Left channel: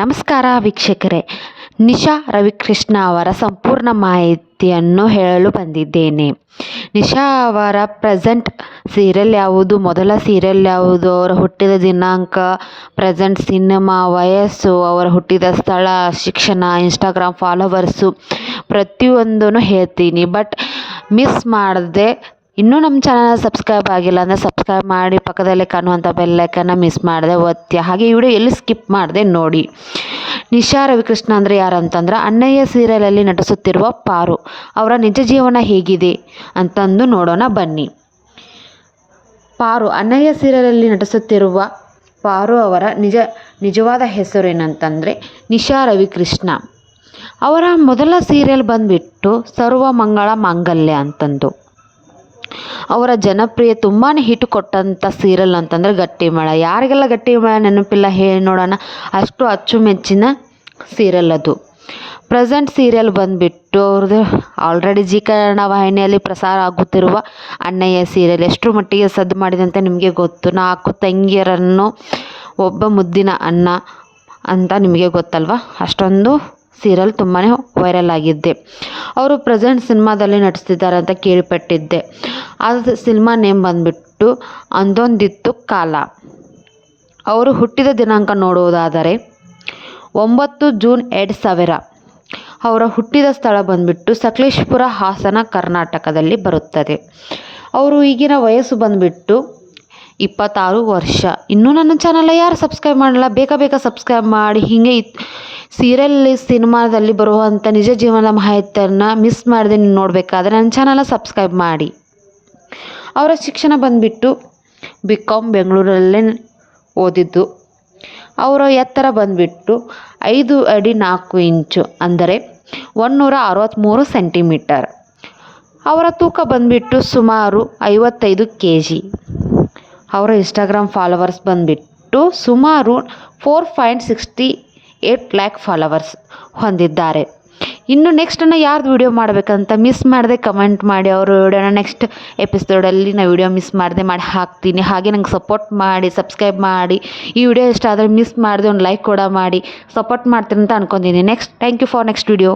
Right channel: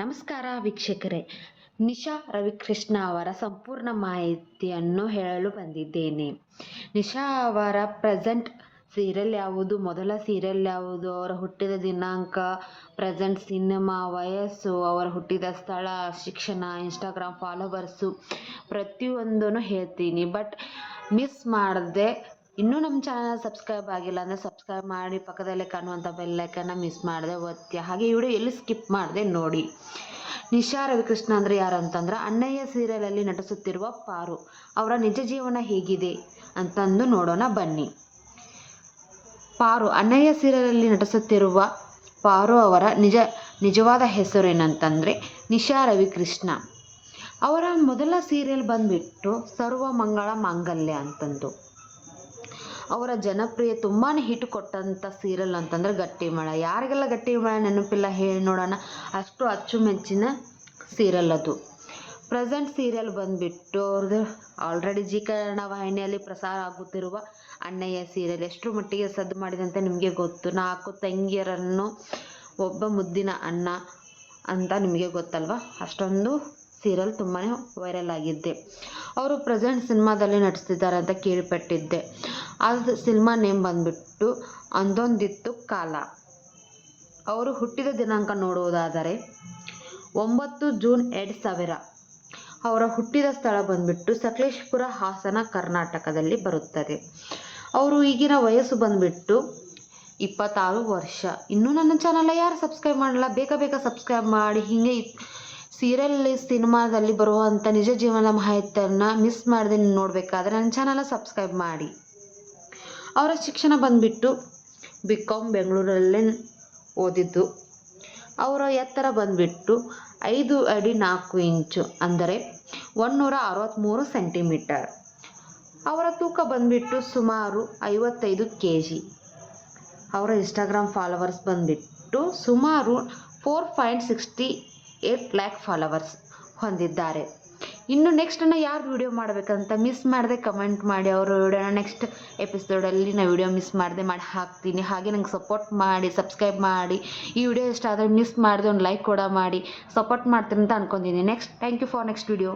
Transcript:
ನಮಸ್ಕಾರ ವೀಕ್ಷಕರೇ, ನಿಶಾ ರವಿಕೃಷ್ಣ ಅವರ ಸಂಪೂರ್ಣ ಮಾಹಿತಿಯನ್ನು ಹೇಳಲು ಬಂದಿದ್ದೇನೆ. ನಿಶಾ ಅವರ ಪ್ರೆಸೆಂಟ್ ಸೀರಿಯಲ್ ಯಾವುದು, ಮೊದಲ ಸೀರಿಯಲ್ ಯಾವುದು, ಅವರ ಹುಟ್ಟಿದ ದಿನಾಂಕ, ಪ್ರೆಸೆಂಟ್ ಸಿನಿಮಾ, ವಯಸ್ಸು, ಅವರ ಹುಟ್ಟಿದ ಸ್ಥಳ, ಶಿಕ್ಷಣ, ಇನ್ಸ್ಟಾಗ್ರಾಮ್ ಫಾಲೋವರ್ಸು ಪ್ರತಿಯೊಂದೂ ಹೇಳ್ತೀನಿ. ಬಟ್ ಮಿಸ್ ಮಾಡದೆ, ಇನ್ನೂ ನಮ್ಮ ಚಾನಲ್ ಸಬ್ಸ್ಕ್ರೈಬ್ ಆಗಿಲ್ಲ ಅಂದರೆ ಸಬ್ಸ್ಕ್ರೈಬ್ ಮಾಡಿ, ಪಕ್ಕದಲ್ಲೇ ಕಾಣುವಂಥ ಬೆಲ್ಲೈಕನ್ನ ಮಿಸ್ ಮಾಡದೆ ಒತ್ತಿ. ಹಾಗೆ ಈ ವಿಡಿಯೋ ಎಲ್ಲಿ ಸ್ಕಿಪ್ ಮಾಡದೆ ನೋಡಿ. ನಿಶಾ ರವಿಕೃಷ್ಣ ಅಂದರೆ ಯಾರು ಅಂತಂದ್ರೆ, ಅಣ್ಣಯ್ಯ ಸೀರಿಯಲಲ್ಲಿ ನಟಿಸುತ್ತಿರುವ ಪಾರು ಅವರ ನಿಜ ಜೀವನ ಹೇಗಿದೆ ಅಂತಂದು ನೋಡೋಣ ಬನ್ನಿ. ಪಾರು, ಅಣ್ಣಯ್ಯ ಸೀರಿಯಲಲ್ಲಿ ನಟಿಸುತ್ತಿರುವ ಪಾರು ಅವರ ನಿಜವಾದ ಹೆಸರು ಏನಂತಂದರೆ ನಿಶಾ ರವಿಕೃಷ್ಣ. ಅವರ ಮೊದಲ ಸೀರಿಯಲ್ ಬಂದುಬಿಟ್ಟು ಸರ್ವಮಂಗಳ ಮಾಂಗಲ್ಯ ಅಂತಂದು. ಅವರ ಜನಪ್ರಿಯ ತುಂಬಾ ಹಿಟ್ ಕೊಟ್ಟಂಥ ಸೀರಿಯಲ್ ಅಂತಂದರೆ ಗಟ್ಟಿಮಳ. ಯಾರಿಗೆಲ್ಲ ಗಟ್ಟಿಮಳ ನೆನಪಿಲ್ಲ ಹೇಳಿ ನೋಡೋಣ, ಅಷ್ಟು ಅಚ್ಚುಮೆಚ್ಚಿನ ಸೀರಿಯಲ್ ಅದು. ಪ್ರೆಸೆಂಟ್ ಸೀರಿಯಲ್ ಬಂದುಬಿಟ್ಟು ಅವ್ರದ್ದು ಆಲ್ರೆಡಿ ಜಿ ಕನ್ನಡ ವಾಹಿನಿಯಲ್ಲಿ ಪ್ರಸಾರ ಆಗುತ್ತಿರುವ ಅಣ್ಣಯ್ಯ ಸೀರಿಯಲ್ ಎಷ್ಟರ ಮಟ್ಟಿಗೆ ಸದ್ದು ಮಾಡಿದೆ ಅಂತ ನಿಮಗೆ ಗೊತ್ತು. 4 ತಂಗಿಯರನ್ನು ಒಬ್ಬ ಮುದ್ದಿನ ಅಣ್ಣ ಅಂತ ನಿಮಗೆ ಗೊತ್ತಲ್ವ. ಅಷ್ಟೊಂದು ಸೀರಿಯಲ್ ತುಂಬಾ ವೈರಲ್ ಆಗಿದ್ದೆ. ಅವರು ಪ್ರೆಸೆಂಟ್ ಸಿನಿಮಾದಲ್ಲಿ ನಟಿಸ್ತಿದ್ದಾರೆ ಅಂತ ಕೇಳಿಪಟ್ಟಿದ್ದೆ. ಅದು ಸಿನಿಮಾ ನೇಮ್ ಬಂದುಬಿಟ್ಟು ಅಂದೊಂದಿತ್ತು ಕಾಲ. ಅವರು ಹುಟ್ಟಿದ ದಿನಾಂಕ ನೋಡುವುದಾದರೆ 9 ಜೂನ್ 2000. ಅವರ ಹುಟ್ಟಿದ ಸ್ಥಳ ಬಂದುಬಿಟ್ಟು ಸಕಲೇಶಪುರ, ಹಾಸನ, ಕರ್ನಾಟಕದಲ್ಲಿ ಬರುತ್ತದೆ. ಅವರು ಈಗಿನ ವಯಸ್ಸು ಬಂದುಬಿಟ್ಟು 26 ವರ್ಷ. ಇನ್ನೂ ನನ್ನ ಚಾನಲ್ ಯಾರು ಸಬ್ಸ್ಕ್ರೈಬ್ ಮಾಡಲ್ಲ, ಬೇಗ ಸಬ್ಸ್ಕ್ರೈಬ್ ಮಾಡಿ. ಹೀಗೆ ಸೀರಿಯಲ್ ಸಿನಿಮಾದಲ್ಲಿ ಬರುವಂಥ ನಿಜ ಜೀವನದ ಮಾಹಿತಿಯನ್ನು ಮಿಸ್ ಮಾಡದೆ ನೀವು ನೋಡಬೇಕಾದ್ರೆ ನನ್ನ ಚಾನಲ್ ಸಬ್ಸ್ಕ್ರೈಬ್ ಮಾಡಿ. ಅವರ ಶಿಕ್ಷಣ ಬಂದುಬಿಟ್ಟು BCom ಬೆಂಗಳೂರಲ್ಲೇ ಓದಿದ್ದು. ಅವರ ಎತ್ತರ ಬಂದುಬಿಟ್ಟು 5 ಅಡಿ 4 ಇಂಚು ಅಂದರೆ 163 ಸೆಂಟಿಮೀಟರ್. ಅವರ ತೂಕ ಬಂದುಬಿಟ್ಟು ಸುಮಾರು 55 kg. ಅವರ ಇನ್ಸ್ಟಾಗ್ರಾಮ್ ಫಾಲೋವರ್ಸ್ ಬಂದುಬಿಟ್ಟು ಸುಮಾರು 4.68 lakh ಫಾಲೋವರ್ಸ್ ಹೊಂದಿದ್ದಾರೆ. ಇನ್ನು ನೆಕ್ಸ್ಟನ್ನು ಯಾರ್ದು ವಿಡಿಯೋ ಮಾಡಬೇಕಂತ ಮಿಸ್ ಮಾಡದೆ ಕಮೆಂಟ್ ಮಾಡಿ. ಅವರು ವಿಡಿಯೋನ ನೆಕ್ಸ್ಟ್ ಎಪಿಸೋಡಲ್ಲಿ ನಾನು ವಿಡಿಯೋ ಮಿಸ್ ಮಾಡದೆ ಮಾಡಿ ಹಾಕ್ತೀನಿ. ಹಾಗೆ ನಂಗೆ ಸಪೋರ್ಟ್ ಮಾಡಿ, ಸಬ್ಸ್ಕ್ರೈಬ್ ಮಾಡಿ. ಈ ವಿಡಿಯೋ ಇಷ್ಟ ಆದರೆ ಮಿಸ್ ಮಾಡದೆ ಒಂದು ಲೈಕ್ ಕೂಡ ಮಾಡಿ ಸಪೋರ್ಟ್ ಮಾಡ್ತೀನಿ ಅಂತ ಅನ್ಕೊತೀನಿ. Thank you for next video.